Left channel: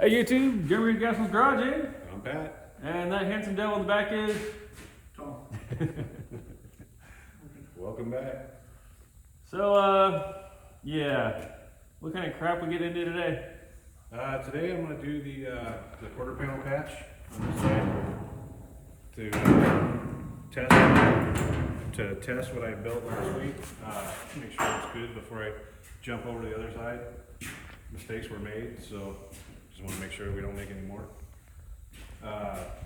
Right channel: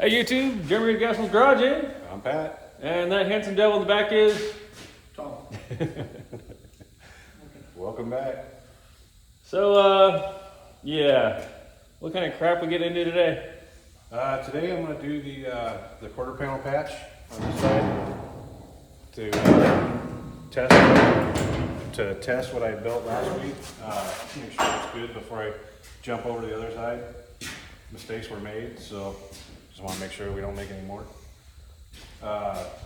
Hey YouTube, Jeremy Gaston's Garage, eh? I'm Pat. And that handsome devil in the back is Tom. Welcome back. So yeah. What kind of crap we get into today? Today I'm going to do the quarter panel patch on this side to test what I built last week. Make sure it's good before I jump over to the other side. Mistakes were made, so just want to make sure we don't make any more.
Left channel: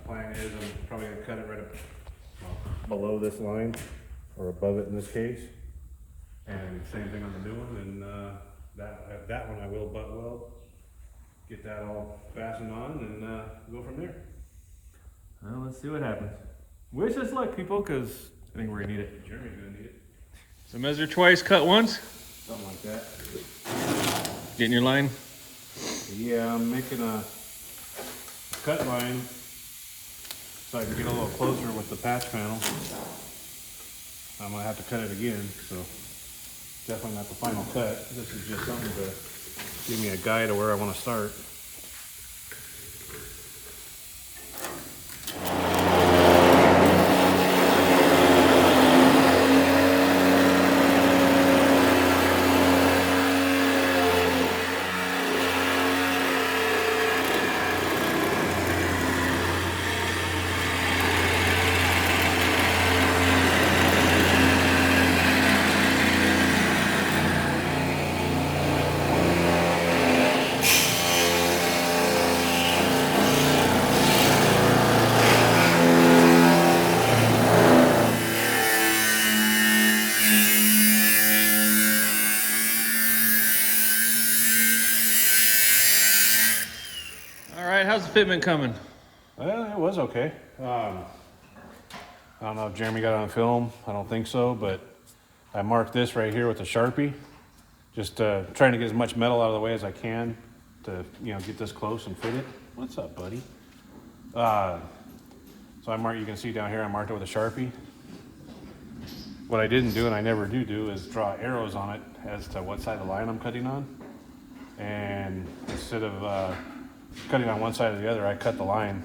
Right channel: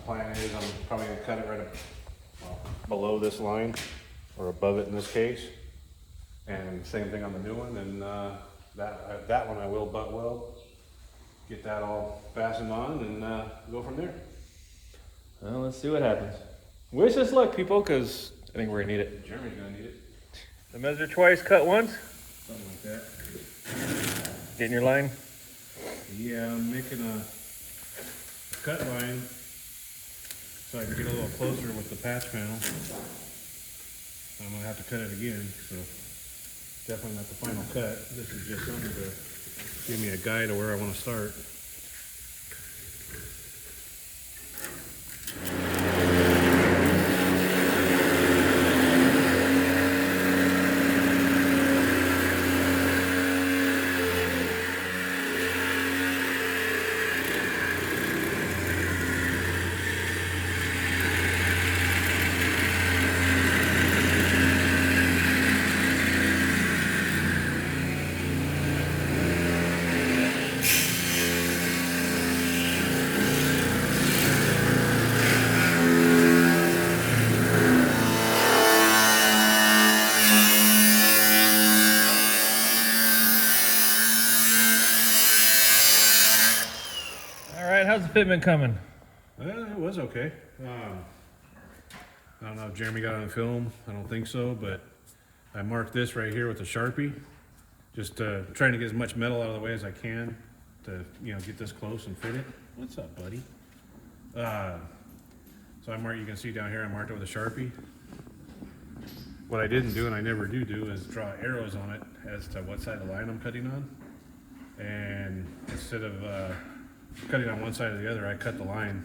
Plan is I'm probably going to cut it right below this line, or above it in this case. And same thing on the new one, and that one I will butt weld. Get that all fastened on and go from there. Well, let's see what happens. Wish us luck, people, because I think we're gonna need it. Jeremy's gonna need it. So measure twice, cut once. Something like that. Get in your line. Yeah, I'm making a cut line so I can get a little closer with the patch panel. I'm gonna have to cut it again, so definitely not the final cut. This is just something to give me a guide of where I want to start. How's the fitment coming? Well, it was okay. I don't know if Jeremy got it on film. I don't think so, but I marked this right here with a Sharpie. Just trying to get as much metal out of the way as I can to, get this close and fit it. What's up, buddy? So I marked, you can see down here, I marked it with a Sharpie. What I didn't do, and I never do, is draw arrows on it as to what side of the line I'm cutting on. And instead of cutting on one side or the other, I cut the line.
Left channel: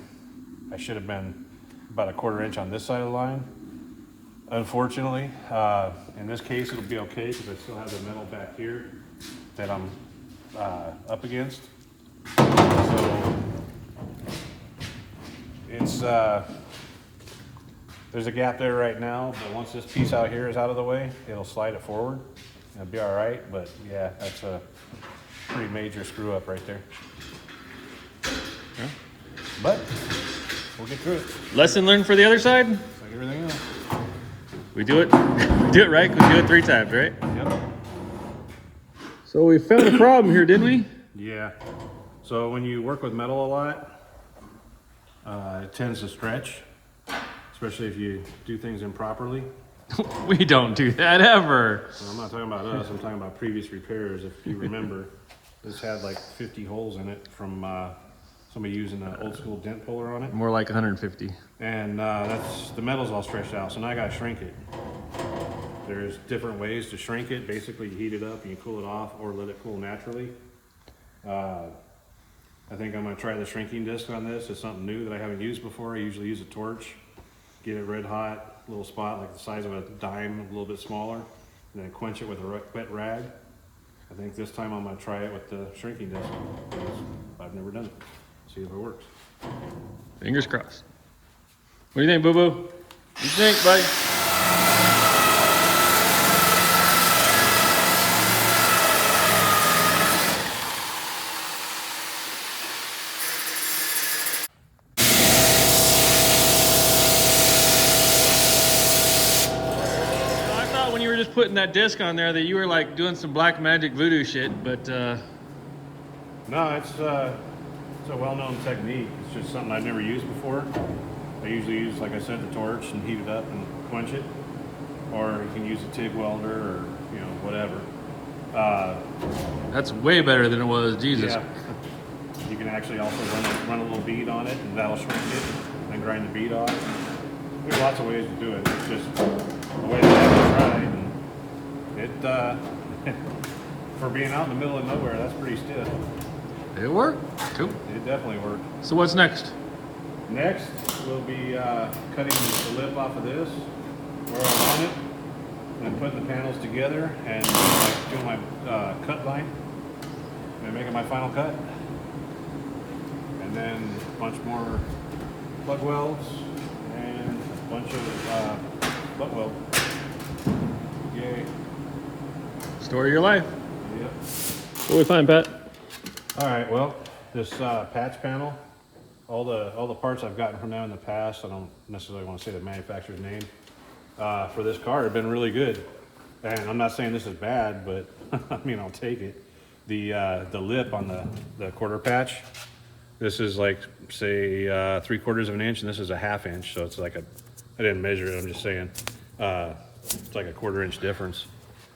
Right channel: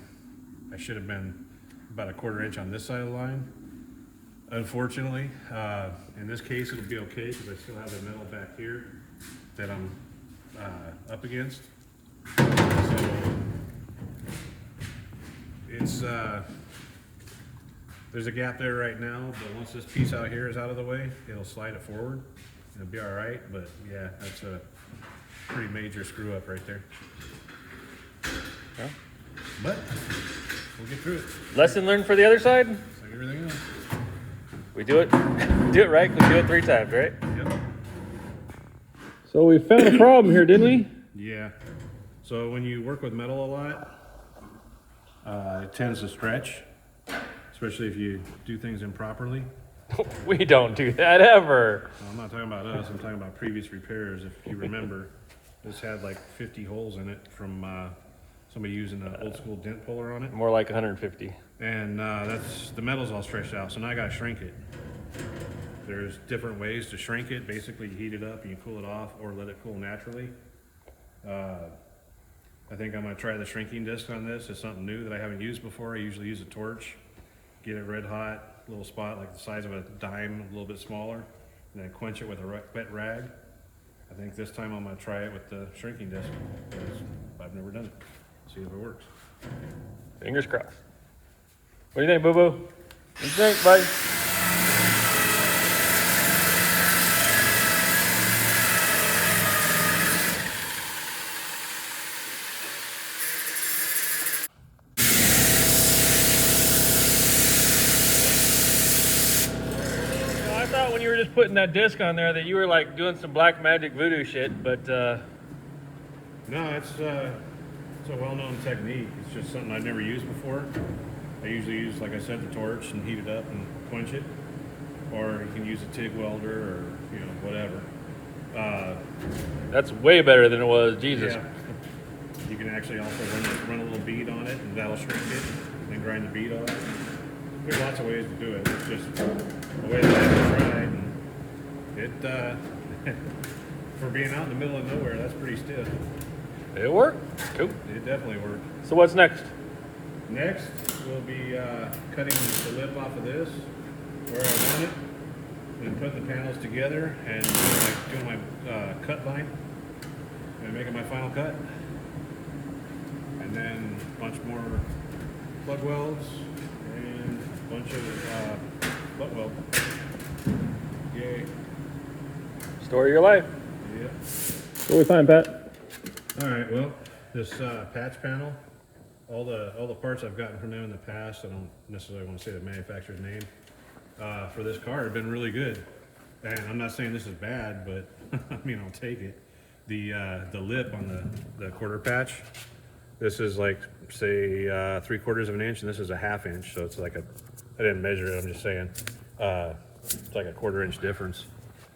I should have been about a 1/4 inch on this side of the line. Unfortunately, in this case it'll be okay because I still have the metal back here that I'm up against. So it's there's a gap there right now, but once this piece out here is out of the way, it'll slide it forward. It'll be all right, but yeah, that's a pretty major screw up right there. But we'll get through it. Lesson learned for the other side? It's like everything else. We do it right, we do it 3 times, right? Yep. So we found a problem here, didn't we? Yeah. So when you work with metal a lot, it tends to stretch, especially if you do things improperly. We don't do that ever. Well, I'm not talking about us. I'm talking about previous repairs. If you remember, this had like 50 holes in it from somebody using an old school dent puller on it. More like 150. And that's the metal's all stretched out, so now I gotta shrink it. There's different ways to shrink it. Basically, you heat it up and you cool it off, or let it cool naturally. I think I'm gonna try the shrinking disc on this. It's something new that I haven't used before. I usually use a torch, get it red hot, little spot like the size of a dime, a little bit smaller, and then quench it with a wet rag. I think this time I'm gonna try it with the shrinking disc because I've never done it. See if it works. Fingers crossed. What do you think, Boo Boo? What do you think, buddy? I thought when you were just putting that disc on there that you were like doing some black magic voodoo shit, but No, it's a well-known technique. It's just something I've never used before. I usually use, like I said, the torch and heat it up and quench it. Or you can use a TIG welder or, whatever. that's way better than it was, Jesus. Yeah. You can actually also run a little bead on it and that'll shrink it and then grind the bead off. There's lots of ways to do it. It's just a way that I haven't tried. And it, for being out in the middle of nowhere, that's pretty stiff. Did it work? Cool. It definitely worked. So what's next? Next, we'll be cutting the lip off of this where I want it, and putting the panels together and doing my cut line and making my final cut. And then a bunch more plug welds and a bunch of butt weld. Yay. Story of your life. Yep. What we find, Pat? All right, well, this patch panel, all the parts I've gotten from them in the past, I don't necessarily want to say the manufacturer's name, for this car have been really good. And I'm not saying this is bad, but I mean, I'll take it. The lip on the quarter patch, this is like, say, 3/4 of an inch, and this is a 1/2 inch, so it's like I didn't measure it, I'm just saying, it's like a 1/4 inch difference.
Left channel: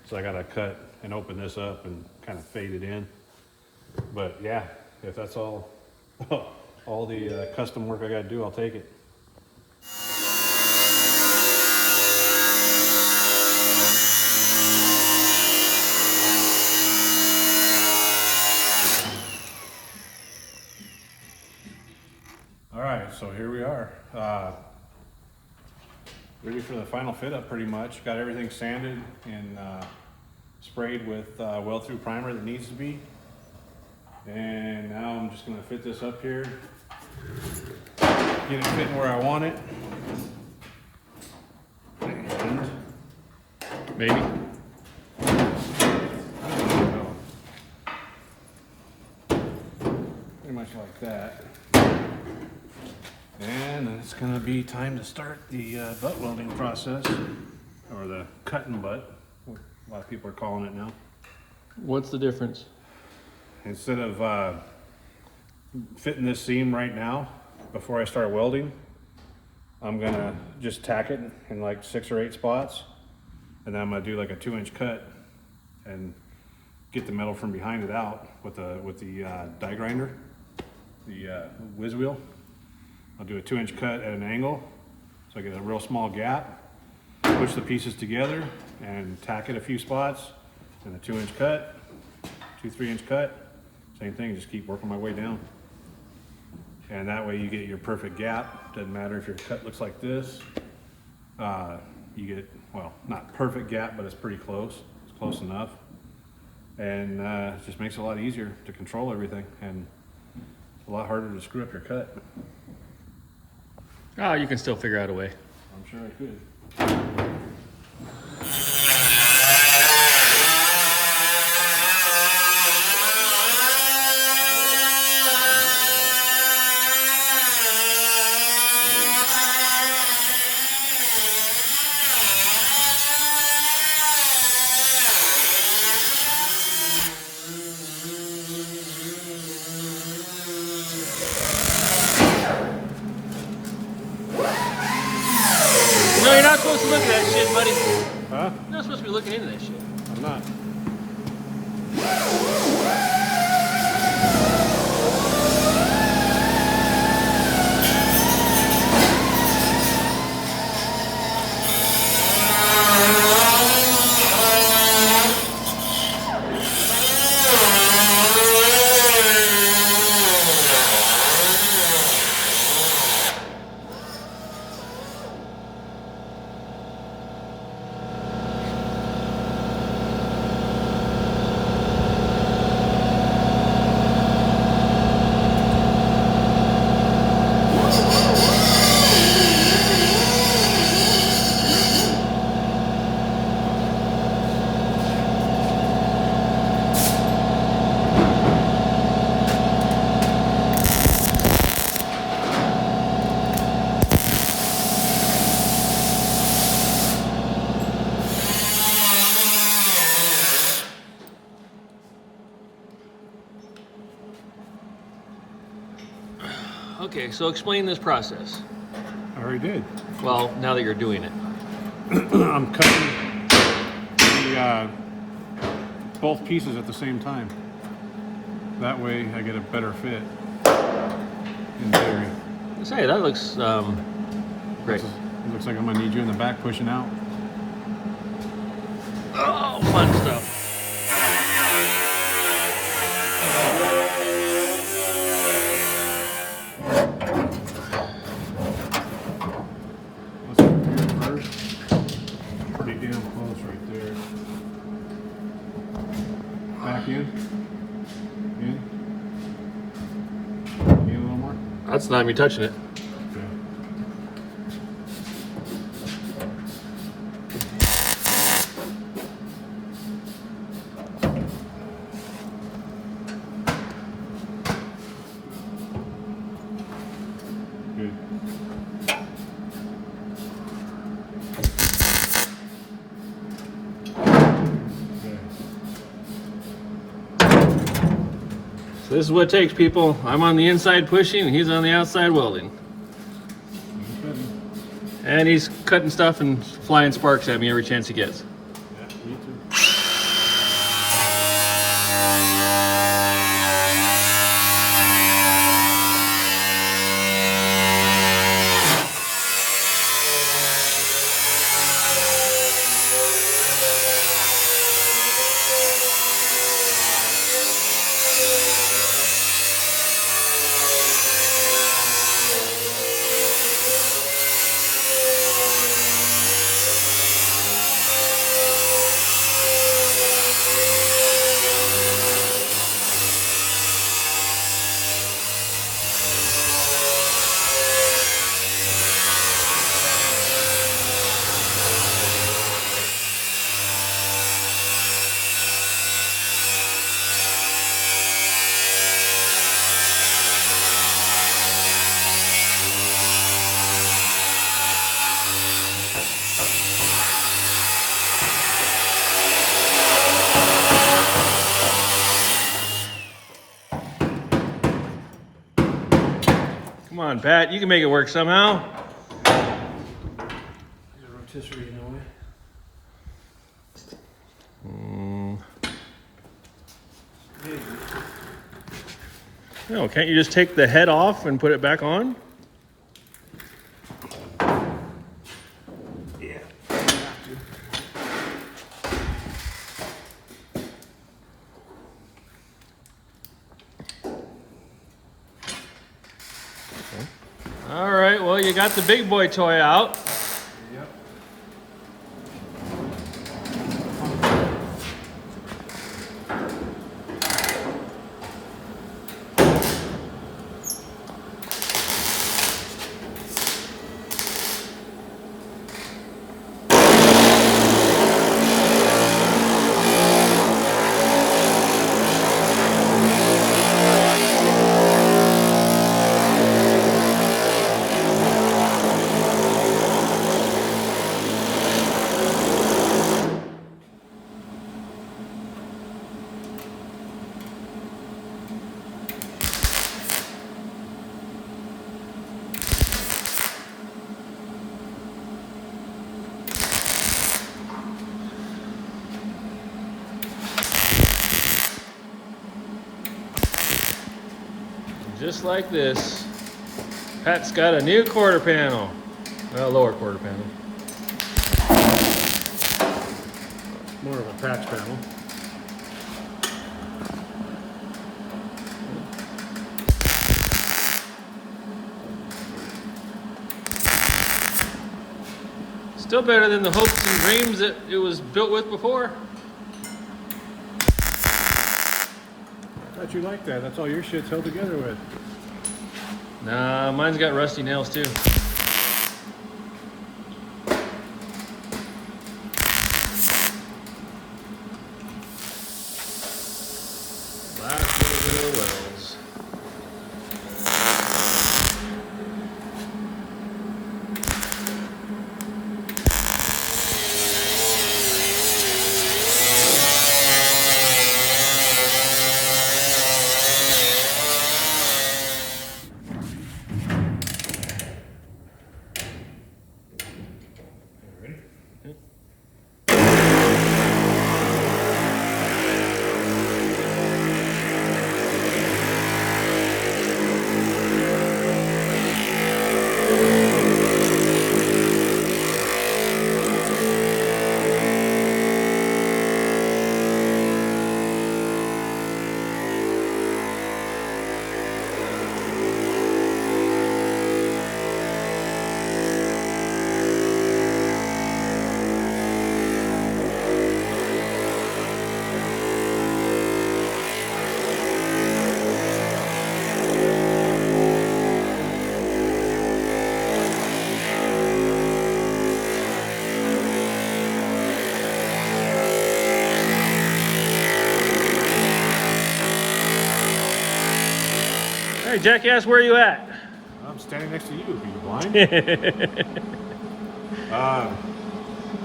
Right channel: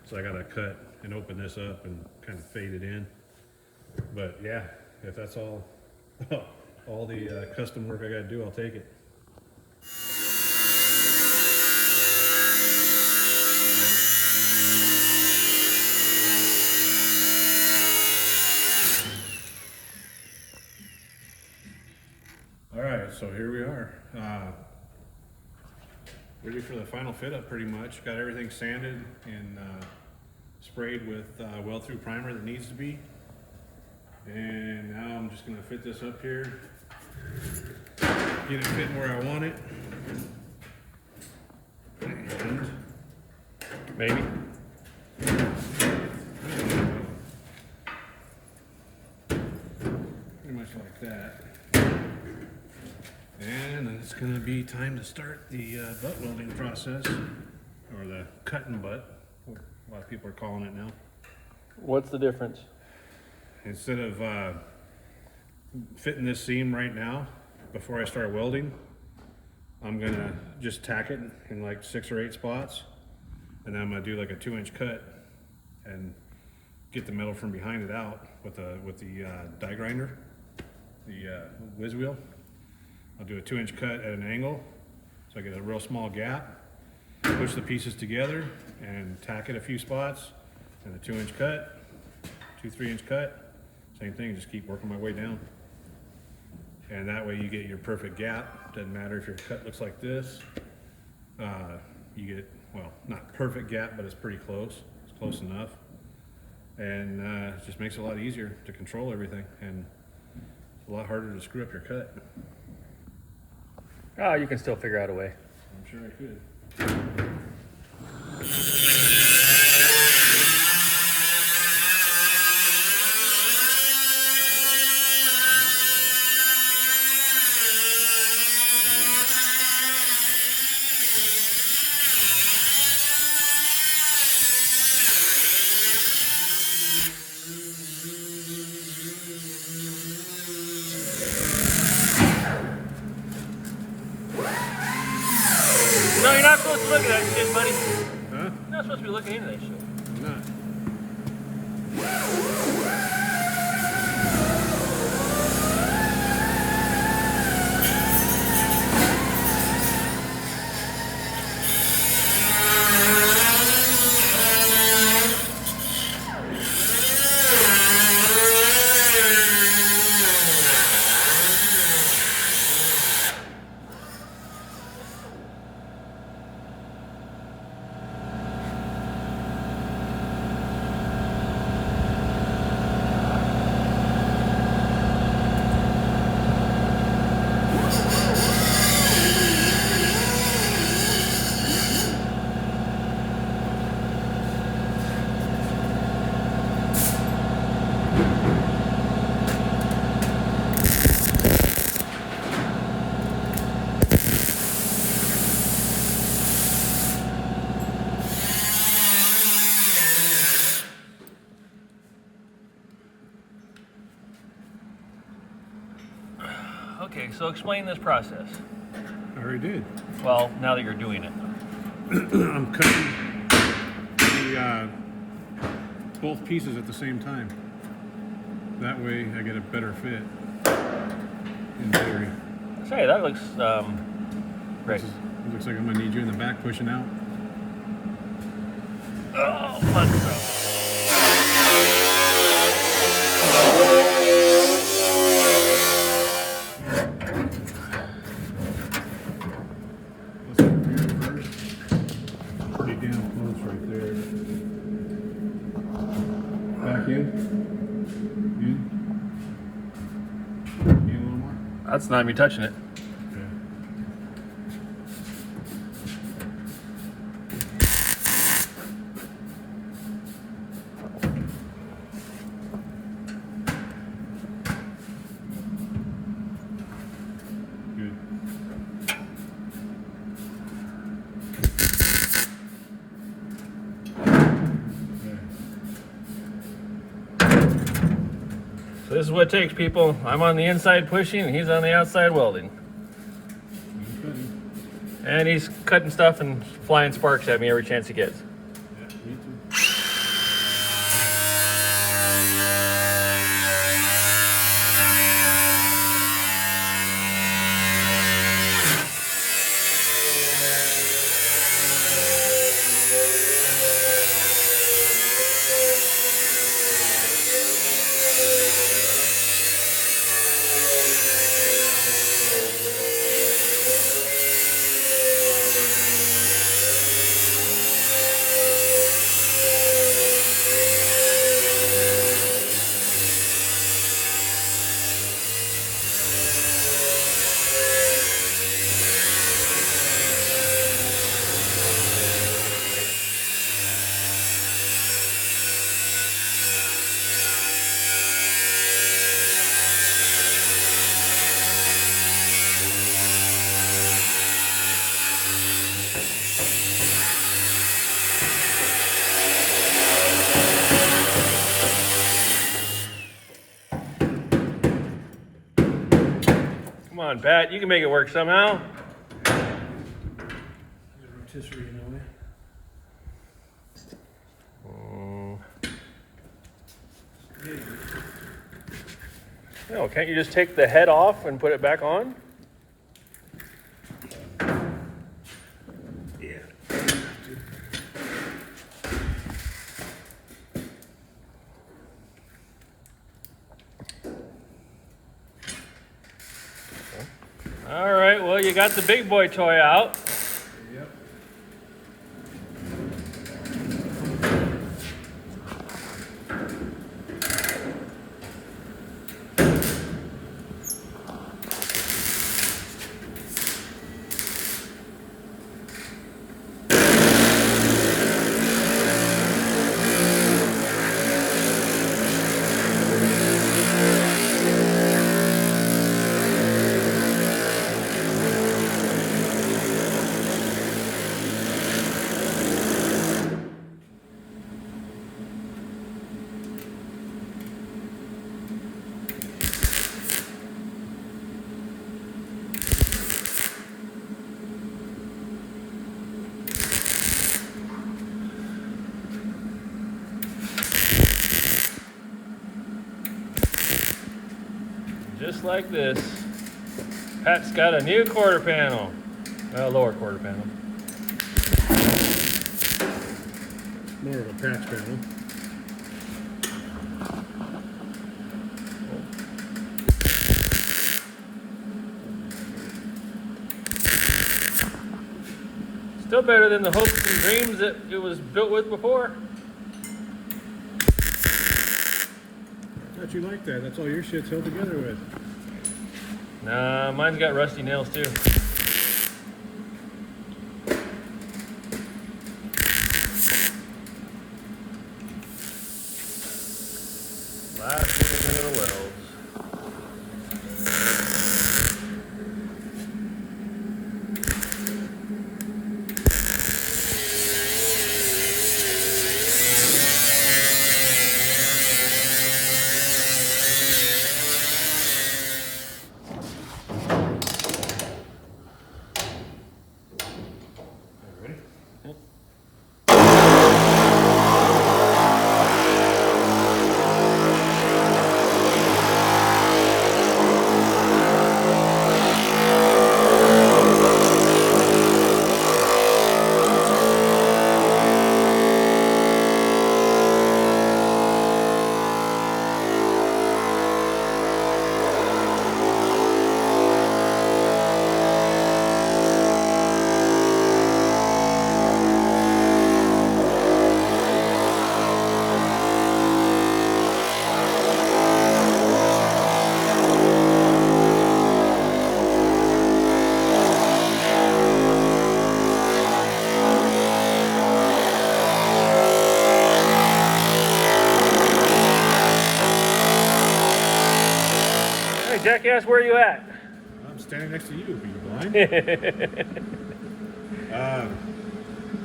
So I gotta cut and open this up and kind of fade it in. But yeah, if that's all the custom work I gotta do, I'll take it. All right, so here we are. Ready for the final fit up pretty much. Got everything sanded and sprayed with weld-through primer that needs to be. And now I'm just gonna fit this up here, get it fitting where I want it. And maybe. I don't know. Pretty much like that. And then it's gonna be time to start the butt welding process, or the cutting butt, what a lot of people are calling it now. What's the difference? Instead of fitting this seam right now, before I start welding, I'm gonna just tack it in like 6 or 8 spots, and then I'm gonna do like a 2-inch cut and get the metal from behind it out with the die grinder, the whiz wheel. I'll do a 2-inch cut at an angle, so I get a real small gap, push the pieces together and tack it a few spots, and a 2-inch cut, 2-3-inch cut, same thing, just keep working my way down. And that way you get your perfect gap. Doesn't matter if your cut looks like this. You get, well, not perfect gap, but it's pretty close. It's close enough. And it just makes it a lot easier to control everything, and it's a lot harder to screw up your cut. Ah, you can still figure out a way. I'm sure I could. No, you're not supposed to look at that shit, buddy. Huh? You're not supposed to be looking into that shit. I'm not. Okay, so explain this process. I already did. Well, now that you're doing it. I'm cutting the both pieces at the same time. That way I get a better fit in theory. Say, that looks great. It looks like I'm gonna need you in the back pushing out. Oh, fun stuff. That's not me touching it. Good. So this is what it takes, people. I'm on the inside pushing, and he's on the outside welding. And he's cutting stuff and flying sparks at me every chance he gets. Yeah, me too. Come on, Pat, you can make it work somehow. There's a rotisserie in the way. No, can't you just take the head off and put it back on? Yeah. All right, well, you got the big boy toy out. Yep. Just like this. Pat's got a new quarter panel. Well, lower quarter panel. More of a patch panel. Still better than the hooks and reams that it was built with before. Thought you liked that. That's all your shit's held together with. Nah, mine's got rusty nails too. Last little wells. jackass, where are you at? I'm standing next to you. Are you blind?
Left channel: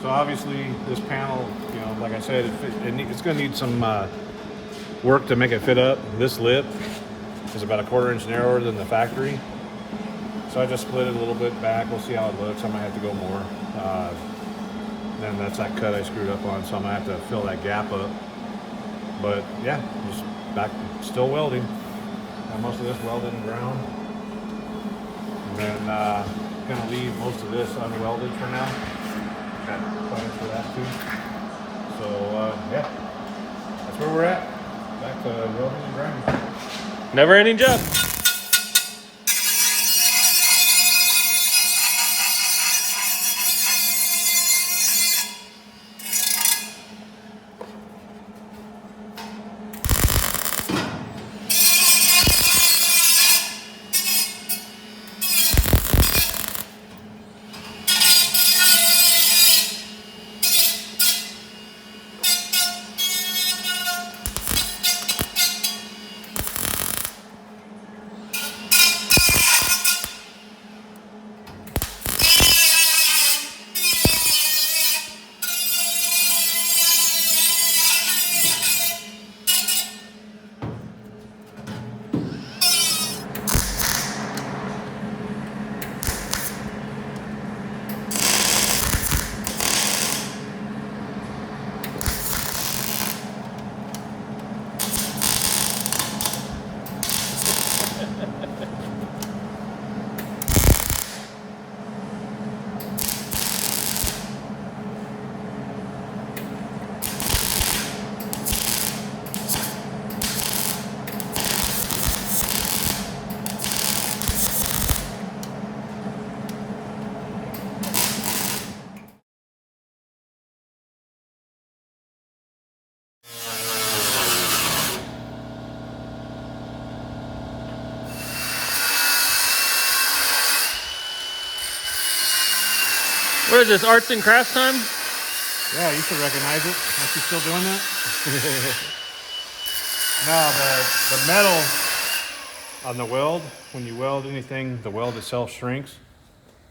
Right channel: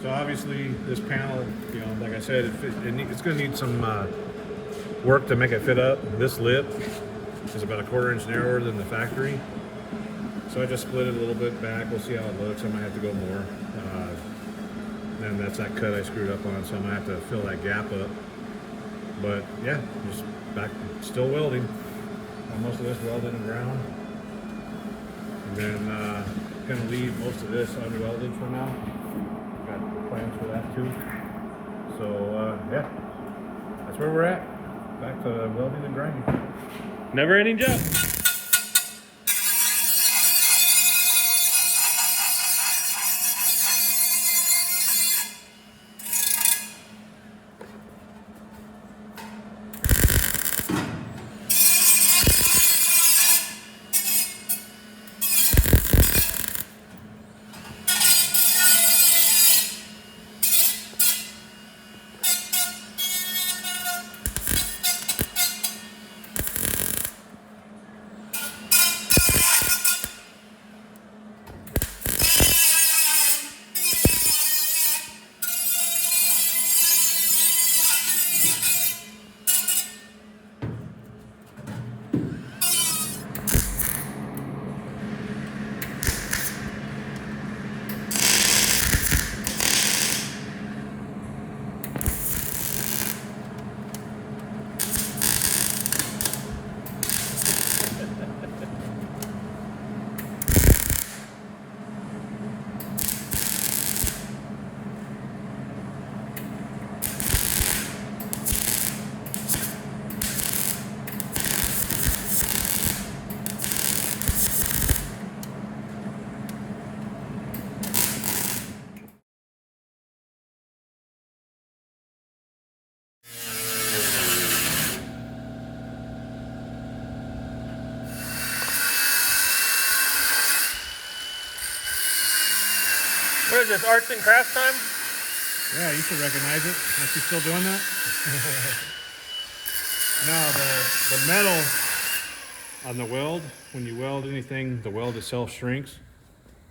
So obviously this panel, you know, like I said, it's going to need some work to make it fit up. This lip is about 1/4 inch narrower than the factory. So I just split it a little bit back. We'll see how it looks. I might have to go more. Then that's that cut I screwed up on, so I'm going to have to fill that gap up. But yeah, just back, still welding. Got most of this welded and ground. And then going to leave most of this unwelded for now. Got plans for that too. So yeah, that's where we're at. Back to welding and grinding. Never ending job. Where is this, arts and crafts time? Yeah, you should recognize it. Aren't you still doing that? No, the metal on the weld, when you weld anything, the weld itself shrinks.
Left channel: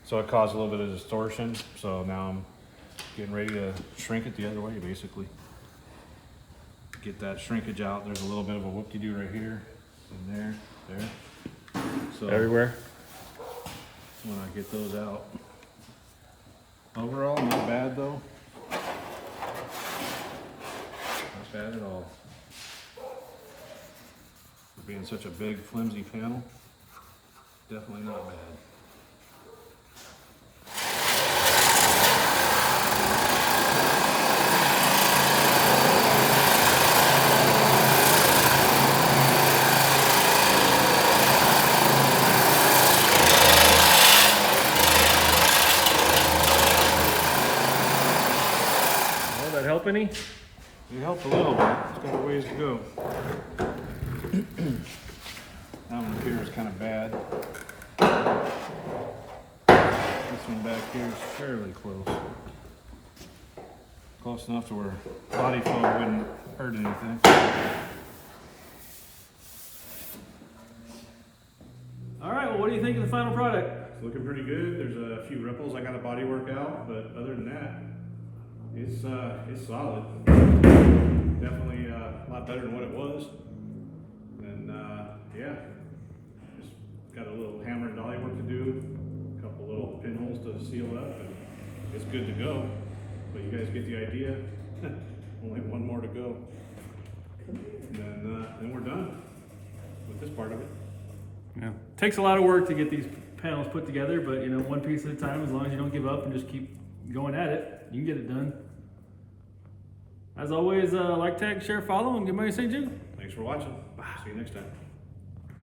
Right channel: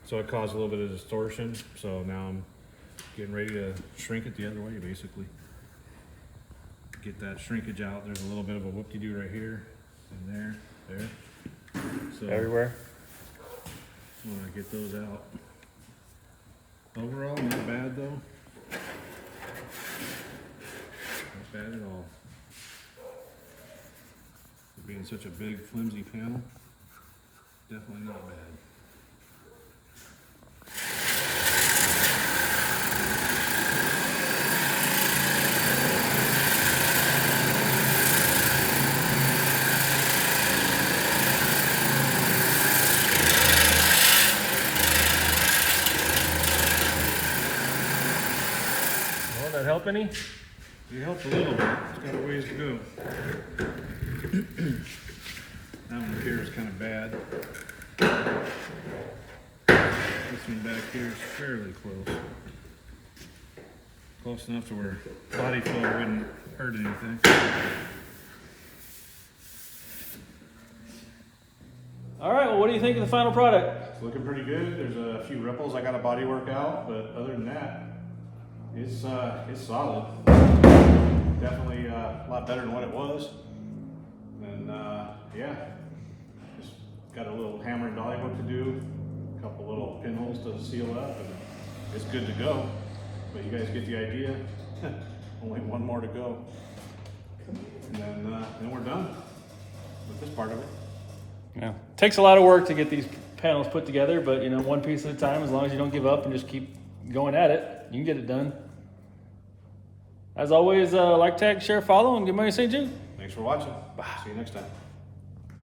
So it caused a little bit of distortion. So now I'm getting ready to shrink it the other way, basically. Get that shrinkage out. There's a little bit of a whoop-de-doo right here, and there. So Everywhere. when I get those out. Overall, not bad though. Not bad at all. For being such a big, flimsy panel, definitely not bad. Any? It helped a little bit. It's got a ways to go. That one here is kind of bad. This one back here is fairly close. Close enough to where body flow wouldn't hurt anything. All right, well, what do you think of the final product? It's looking pretty good. There's a few ripples I got to body work out, but other than that, it's solid. Definitely a lot better than what it was. And yeah, just got a little hammer and dolly work to do, a couple little pinholes to seal up, and it's good to go. But you guys get the idea. Only one more to go, and then we're done with this part of it. Yeah, takes a lot of work to get these panels put together, but you know, one piece at a time. As long as you don't give up and just keep going at it, you can get it done. As always, like, tag, share, follow, and get money to St. Jude. Thanks for watching. See you next time.